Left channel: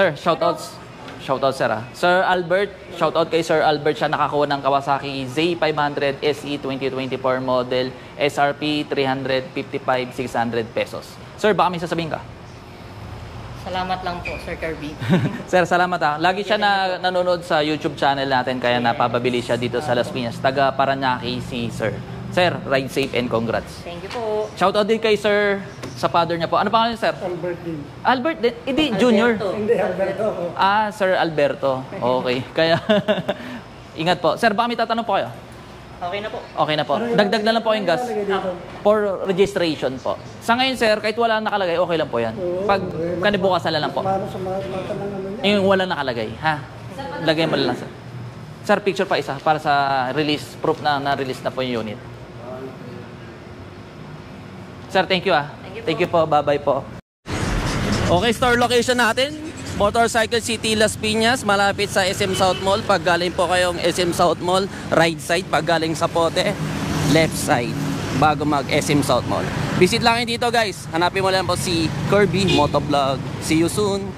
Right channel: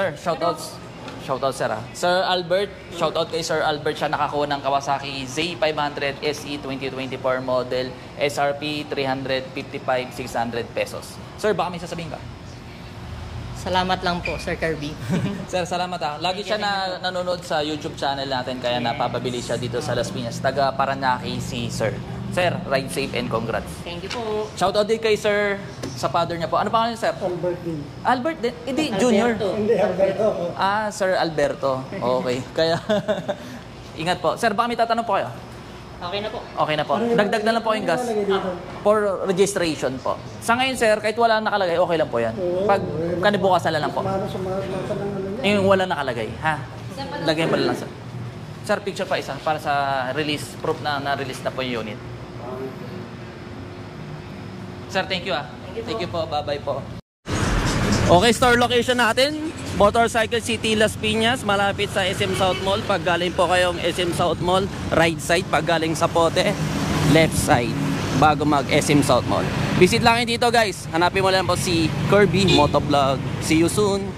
Sir, shoutouts. Shoutout sir Sir Albert, shoutout kay Sir Albert, siya nakakuha ng Kawasaki Z500 SE 2024 model, SRP 355,600 pesos. Sir, baka may sasabihin ka? Salamat lang po, Sir Kirby. Sir, salamat Lagi siya nanonood sa YouTube channel natin, kaya napababili siya dito sa Las Piñas. Taga Paranaque si Sir. Sir, ride safe and congrats. Thank you po. Shoutout din kay Sir sa father niya po. Ano pangalan Sir? Albert din. Albert din? Hindi, Junior. Hindi, Alberto. Sir Alberto. Okay. Kaya, ingat po. Sir, baka may tatanong po kayo? Okay na po. Okay na po. Dagdag na lang po yung gas. For registration po. Sa ngayon, sir, kahit wala nakalagay, okay lang po yan. Pag kanibukasan na lang po. Paano sa mga tanong Yung wala nakalagay, ha? Lagay mo lang, sir. Sir, picture pa isa para sa release, proof na na-release na po yung unit. Sir, thank you Thank you po. Bye-bye po. Okay, store location natin. Motorcycle City, Las Piñas, malapit sa SM South Mall. Pag galing po kayong SM South Mall, right side. Pag galing sa Pote, left side. Bago mag SM South Mall. Visit lang dito guys. Hanapin mo lang po si Kirby Motovlog. See you soon.